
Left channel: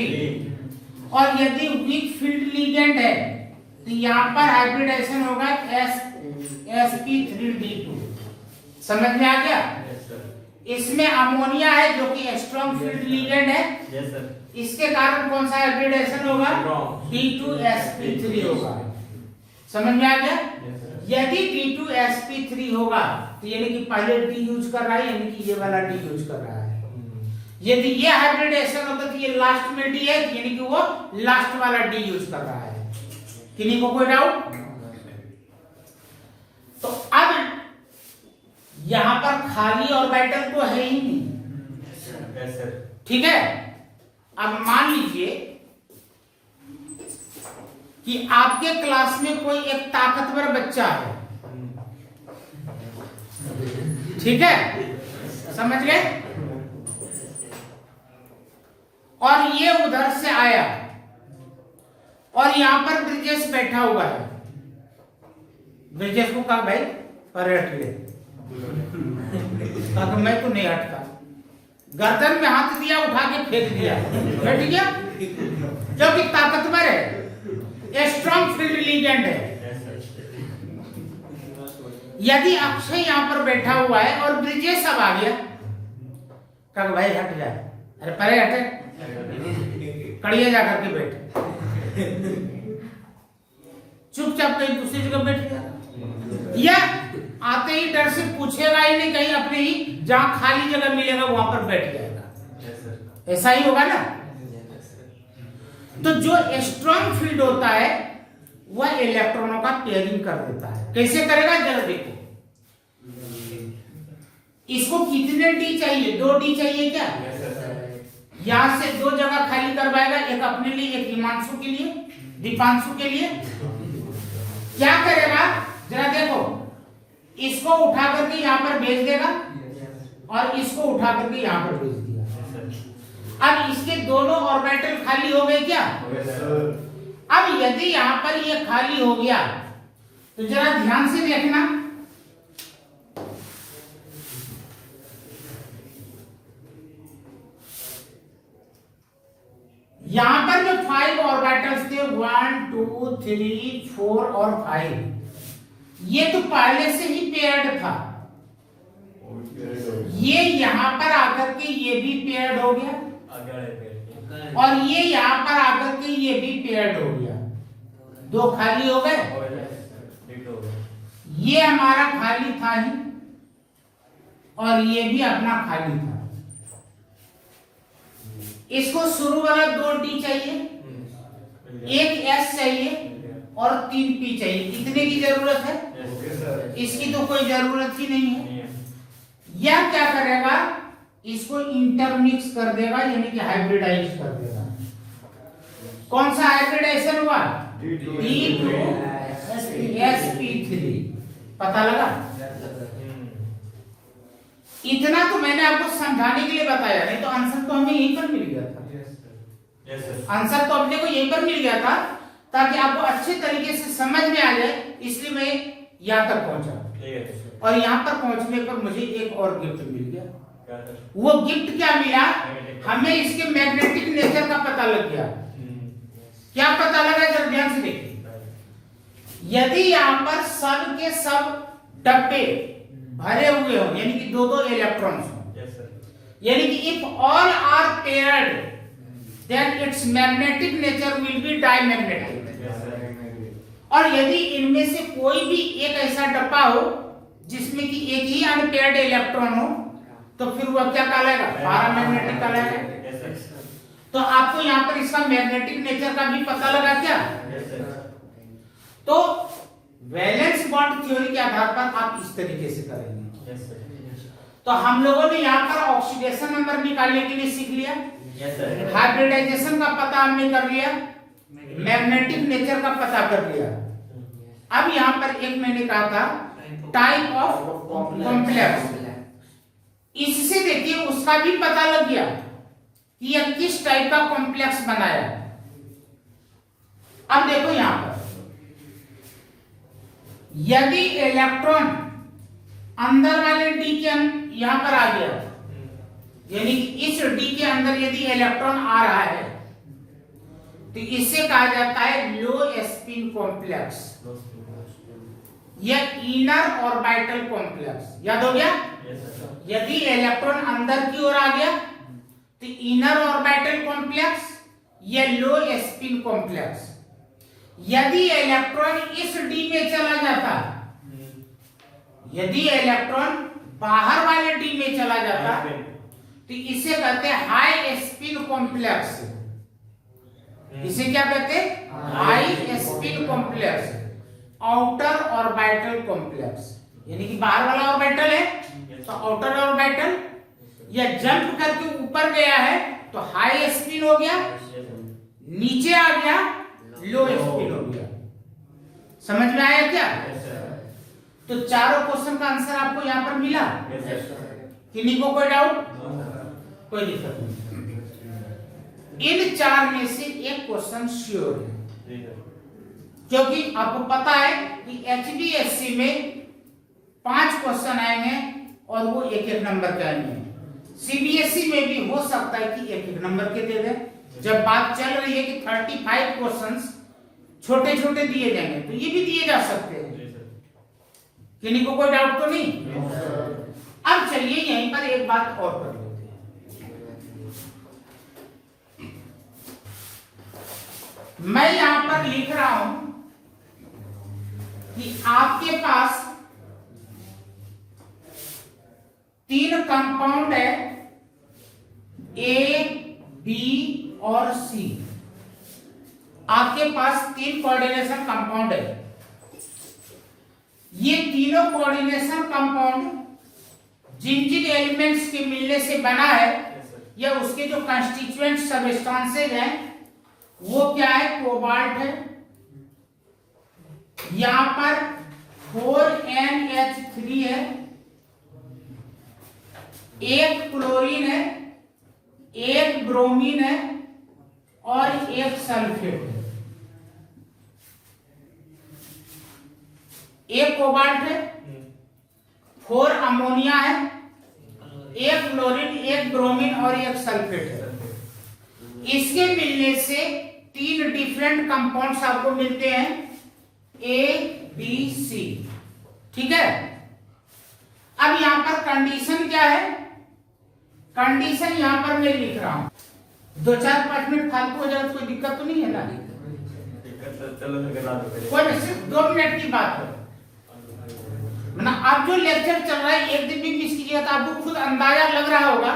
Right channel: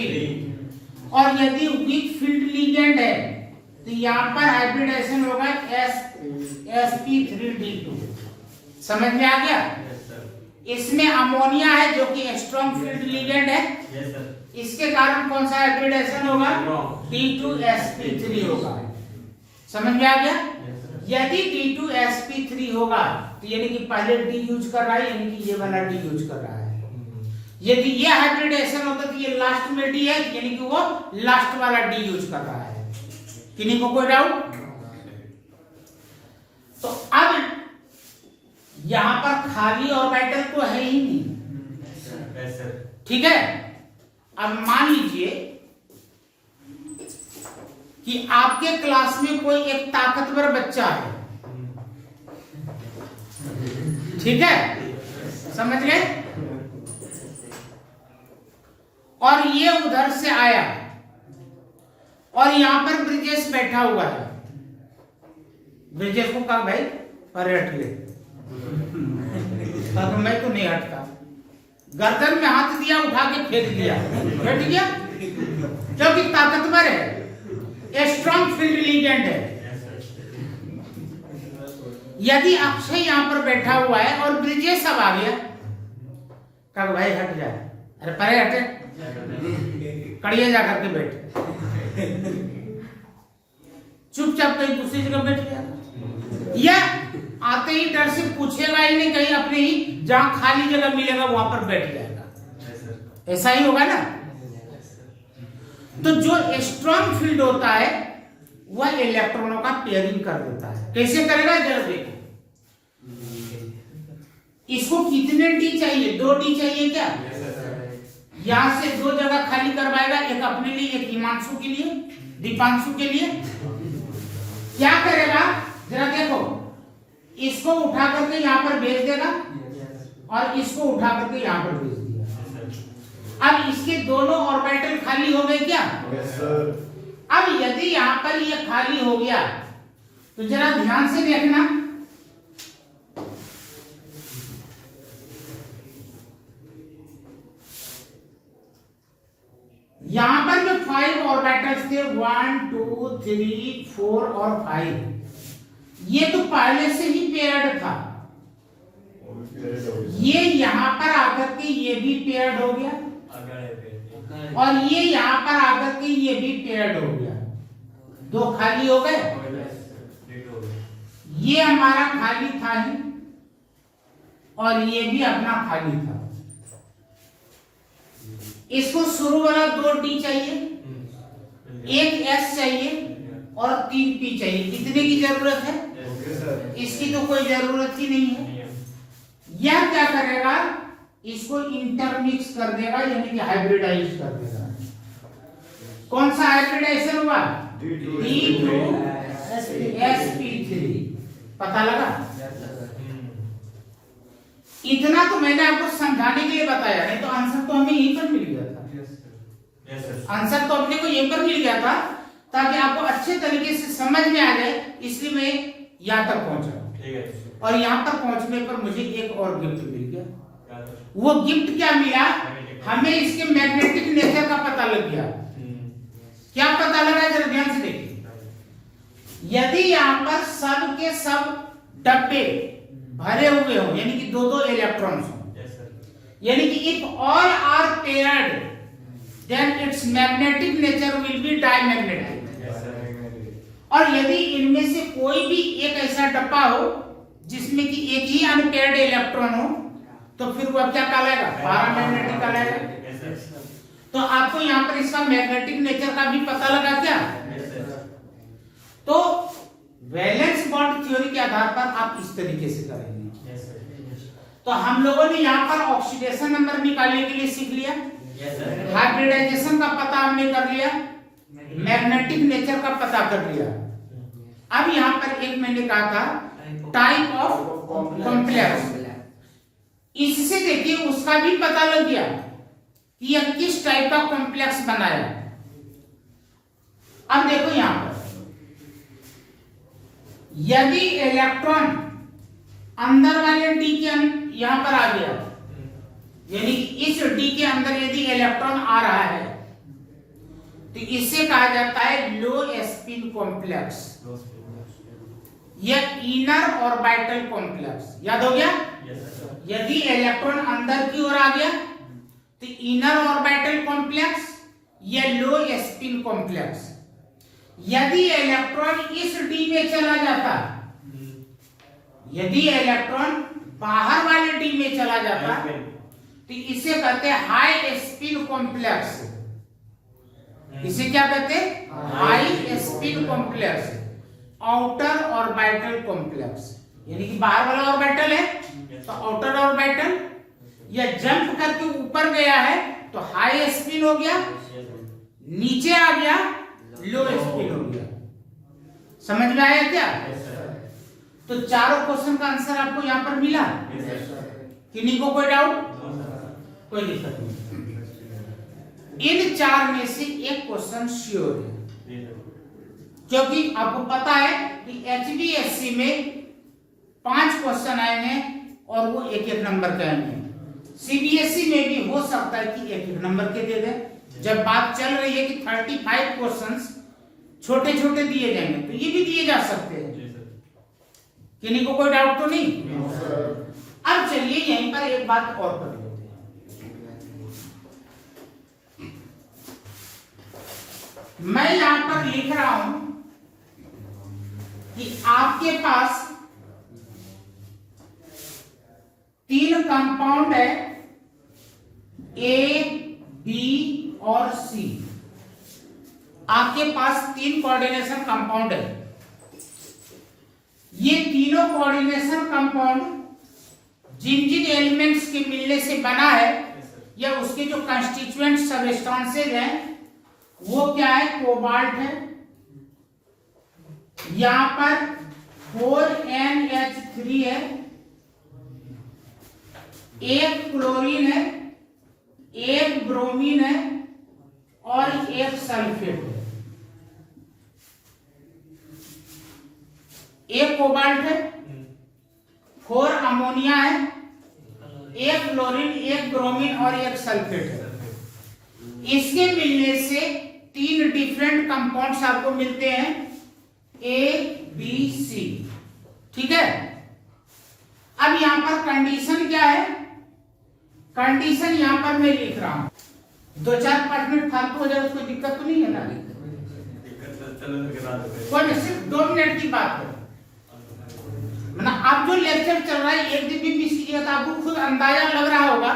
और यदि वीक फील्ड लिगेंड है तो यहां पर हाइब्रिडाइजेशन होगा sp3d2। समझ में आ गया? Yes, sir. इसमें अमोनिया है जो कि स्ट्रॉन्ग फील्ड लिगेंड है, Yes, sir. इसके कारण कौन सा हाइब्रिडाइजेशन होगा? Strong. d2sp3 होगा। समझ में आ गया? Yes, sir. यदि d2sp3 होगा तो यानी कि पहले d यूज कर रहा है, यानी कि ये वाला d यूज कर रहा है। यदि ये हाइब्रिडाइजेशन होता तो ये लास्ट में डी है, यानी कि वो लास्ट वाला डी यूज कर रहा है। किन्हीं को कोई डाउट? तो अब यहां पर खाली ऑर्बिटल तो है ही नहीं, ठीक है। अब मान लीजिए कि आपके क्लास में कोई एक ताकतवर बच्चा है, ठीक है, समझ गए। और ये उधर से आया और यहां पर ब्रिजेश बैठा हुआ है। ब्रिजेश को कहा भाई पर हट ले, कहा मैं तो नहीं हटता, गर्दन में हाथ दिया, उठा के फेंक दिया, बैठ गया, क्योंकि ताकतवर है, स्ट्रॉन्ग फील्ड लिगेंड है। यदि अक्षय यहां पर बैठा हुआ है और ब्रिजेश अब आ गया, कहा भाई हट जा, अरे परे हटे, कड़िया जाकर के बैठ, चुपचाप कहीं दूसरी जगह बैठ गया, या आते ही डर से पूछेगा ही नहीं, कहीं अपने ही जहां खाली जगह मिलेगा वहां पर बैठ जाएगा। ऐसा ही होगा ना। तो जो स्ट्रॉन्ग फील्ड होता है वह इलेक्ट्रॉनों का पेयरिंग कर देता है। कैसे करेगा जरा देखो, इसको कितने डी चाहिए? 2 डी चाहिए क्या? यहां से 2 जगह खाली करवाएगा, एक अपने लिए, एक हिमांशु के लिए, दीपांशु के लिए। क्या करेगा जरा देखो, इसको उठा करके यहां पर भेज देगा और इसको उठा करके यहां पर भेज दिया। अब इसके दोनों ऑर्बिटल खाली हो गए क्या? अब यदि यहां पर ये खाली हो गया तो जरा ध्यान से देखना, यहां पर जो 5 ऑर्बिटल्स थे 1 2 3 4 और 5, ये तो पहले से ही पेयर्ड था। ये यहां पर आकर के ये भी पेयर्ड हो गया और ये यहां पर आकर के ये भी पेयर्ड हो गया, 2 खाली हो गए। ये हमारा खाली था ही और ये भी अपना खाली था। इसको शुरू वाला 2 डी चाहिए, एक एस चाहिए और 3 पी चाहिए। कितने की जरूरत है? इसकी तो कोई जरूरत ही नहीं है। यह क्या करेगा, इसको इंटरमिक्स कर देगा, यानी कि हाइब्रिडाइज कर देगा। कौन सा हाइब्रिडाइजेशन हुआ? D2sp3। पता लगा? इतना तो मैंने आपको समझाने के लिए बताया, नहीं तो आंसर तो हमें यहीं पर मिल गया था। आंसर तो अपने को यहीं पर मिल गया था, ताकि आपको अच्छे तरीके से समझ में आ जाए, इसलिए मैं यहां तक पहुंचा। और यहां पर पहुंचने पर मुझे एक और गिफ्ट मिल गया। वो गिफ्ट क्या मिला? हमें इसके मैग्नेटिक नेचर का पता लग गया। क्या पता लगा जरा ध्यान से देखिए। यदि यहां पर सब के सब डब्बे भरे हुए हो, यानी कि 2-2 इलेक्ट्रॉन्स हो, यानी कि if all are paired then it's magnetic nature will be diamagnetic. और यदि इनमें से कोई भी एक ऐसा डब्बा हो जिसमें कि एक ही अनपेयर्ड इलेक्ट्रॉन हो, तो फिर वह क्या कहलाएगा? पैरामैग्नेटिक कहलाएगा। तो आपको यहां पर इसका मैग्नेटिक नेचर का भी पता लगा क्या? तो वैलेंस बॉन्ड थ्योरी के आधार पर आप इस तरीके से करेंगे। तो हम लोगों ने यहाँ पर ऑक्सीडेशन नंबर निकालने के लिए सीख लिया, हाइब्रिडाइजेशन का पता हमने कर लिया, मैग्नेटिक नेचर का पता कर लिया। अब यहाँ पर एक मैंने कहा था टाइप ऑफ कॉम्प्लेक्स, इससे देखिए उसका भी पता लग गया कि यह किस टाइप का कॉम्प्लेक्स बनाया। अब देखो यहां पर यदि इलेक्ट्रॉन अंदर वाले डी के यहां पर आ गया, यानी इस डी के अंदर यदि इलेक्ट्रॉन आ रहा है तो इसे कहा जाता है लो स्पिन कॉम्प्लेक्स या इनर ऑर्बिटल कॉम्प्लेक्स। याद हो गया? यदि इलेक्ट्रॉन अंदर की ओर आ गया तो इनर ऑर्बिटल कॉम्प्लेक्स या लो स्पिन कॉम्प्लेक्स। यदि इलेक्ट्रॉन इस डी में चला जाता, यदि इलेक्ट्रॉन बाहर वाले डी में चला जाता तो इसे कहते हैं हाई स्पिन कॉम्प्लेक्स। इसे क्या कहते हैं? High spin complex, outer orbital complex. यानी कि बाहर वाला ऑर्बिटल है तो आउटर ऑर्बिटल, या जंप करके ऊपर गया है तो हाई स्पिन हो गया, नीचे आ गया लो स्पिन हो गया। समझ में आया क्या? तो चारों क्वेश्चन का आंसर आपको यहां पर मिला। किन्हीं को कोई डाउट? कोई दिक्कत नहीं। इन चार में से एक क्वेश्चन श्योर है, क्योंकि आपको पता है कि HBSC में 5 क्वेश्चन आए हैं और वो एक एक नंबर के आए हैं। CBSE में भी हो सकता है कि एक एक नंबर के दे दे। जब बात चल रही है कि 35 क्वेश्चंस छोटे छोटे दिए जाएंगे तो ये भी दिए जा सकते हैं। किन्हीं को कोई डाउट तो नहीं? अब चलिए यहीं पर एक बात और कर लेते हैं। मैं यहां पर लिख रहा हूं कि आपके पास 3 कंपाउंड है, A, B और C। आपके पास 3 कोऑर्डिनेशन कंपाउंड है। ये तीनों कोऑर्डिनेशन कंपाउंड जिन जिन एलिमेंट्स के मिलने से बना है या उसके जो कंस्टिट्यूएंट सबस्टेंसेज हैं वो क्या है? कोबाल्ट है, यहां पर 4NH3 है, एक क्लोरीन है, एक ब्रोमीन है और एक सल्फेट है। एक कोबाल्ट है, 4 अमोनिया है, एक क्लोरीन, एक ब्रोमीन और एक सल्फेट है। इसके मिलने से 3 डिफरेंट कंपाउंड्स आपको मिलते हैं, A, B, C। ठीक है। अब यहां पर कंडीशन क्या है? कंडीशन यहां पर मैं लिख रहा हूं। 2-4-5 मिनट फालतू हो जाए, कोई दिक्कत तो नहीं है ना? कोई नहीं, सिर्फ 2 मिनट की बात है। मतलब अब जो लेक्चर चल रहा है एक दिन भी मिस कीजिएगा तो आपको खुद अंदाजा लग रहा होगा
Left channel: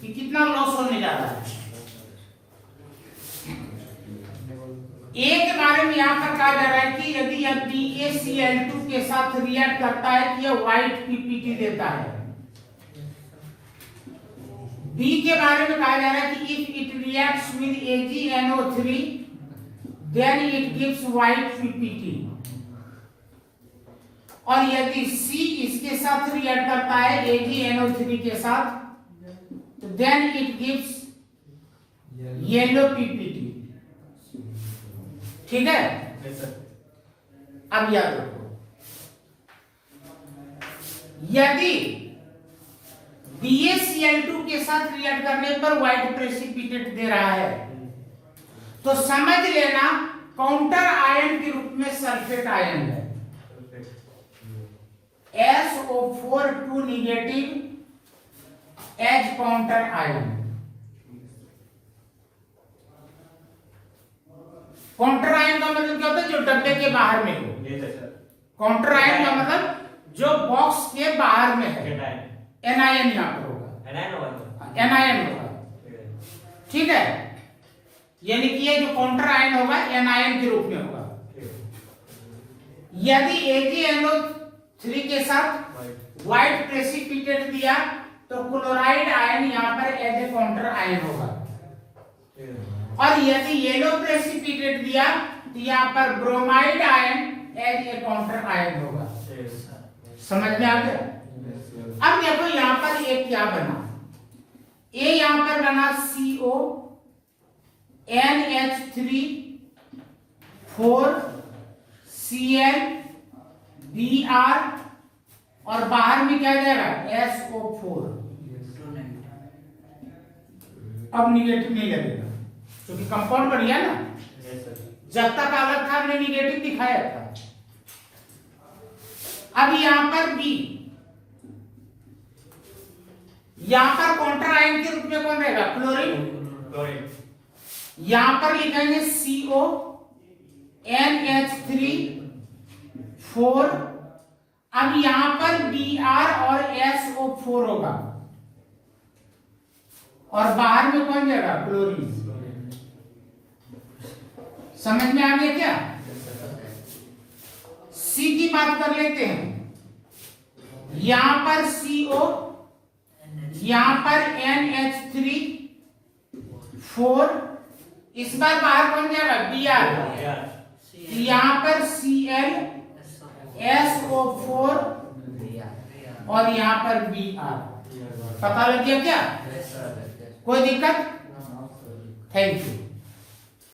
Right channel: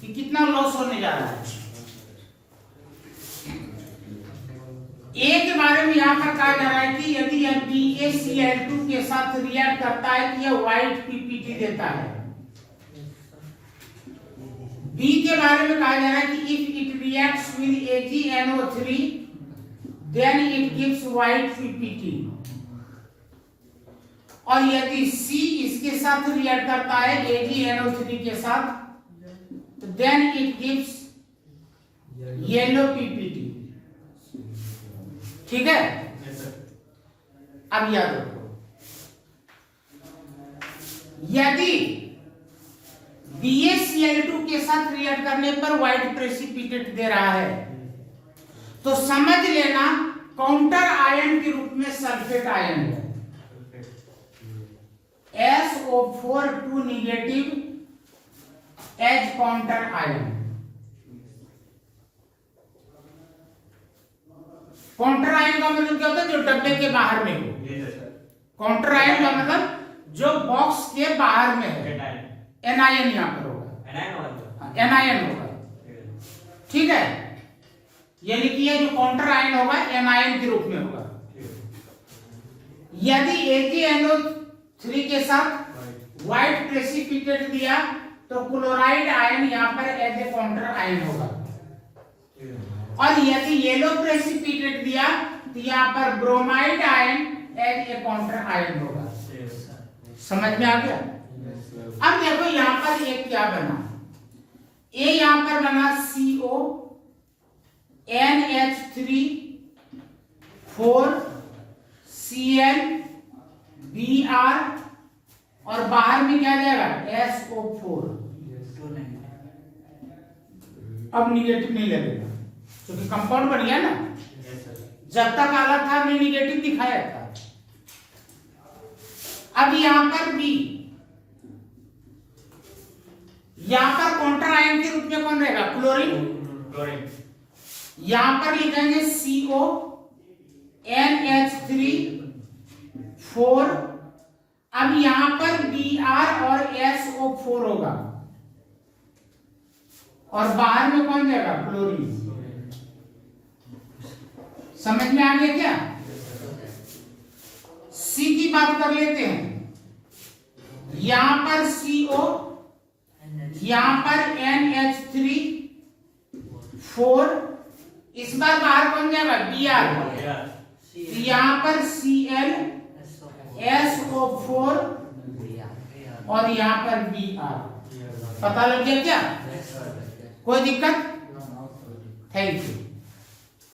कि कितना लॉस होने जा रहा है। ए के बारे में यहां पर कहा जा रहा है कि यदि यह BaCl2 के साथ रिएक्ट करता है तो यह व्हाइट पीपीटी देता है। बी के बारे में कहा जा रहा है कि if it reacts with AgNO3 then it gives white PPT. और यदि C इसके साथ रिएक्ट करता है AgNO3 के साथ तो then it gives yellow PPT. ठीक है? अब याद रखो, यदि BaCl2 के साथ रिएक्ट करने पर व्हाइट प्रेसिपिटेट दे रहा है तो समझ लेना काउंटर आयन के रूप में सल्फेट आयन है, SO4 2 negative as counter ion. Counter ion का मतलब क्या होता है? जो डब्बे के बाहर में हो। काउंटर आयन का मतलब जो बॉक्स के बाहर में है। एनायन यहां पर होगा, एनायन होगा। ठीक है? यानी कि ये जो काउंटर आयन होगा एनायन के रूप में होगा। यदि AgNO3 के साथ व्हाइट प्रेसिपिटेट दिया तो क्लोराइड आयन यहां पर एज ए काउंटर आयन होगा। और यदि येलो प्रेसिपिटेट दिया तो यहां पर bromide ion as a counter ion होगा। समझ में आ गया? अब देखो यहां पर एक क्या बना, ए यहां पर बना CO NH3 4 Cl Br और बाहर में क्या जाएगा? SO4। अब निगेटिव नहीं लगेगा क्योंकि कंपाउंड बन गया ना। जब तक अलग था हमने निगेटिव दिखाया था। अब यहां पर B, यहां पर काउंटर आयन के रूप में कौन रहेगा? क्लोरीन। यहां पर लिखेंगे CO NH3 4। अब यहां पर Br और SO4 होगा। और बाहर में कौन जाएगा? क्लोरीन। समझ में आ गया क्या? सी की बात कर लेते हैं। यहां पर CO, यहां पर NH3 4, इस बार बाहर कौन जाएगा? Br। यहां पर Cl SO4 और यहां पर Br। पता लग गया क्या? कोई दिक्कत? Thank you.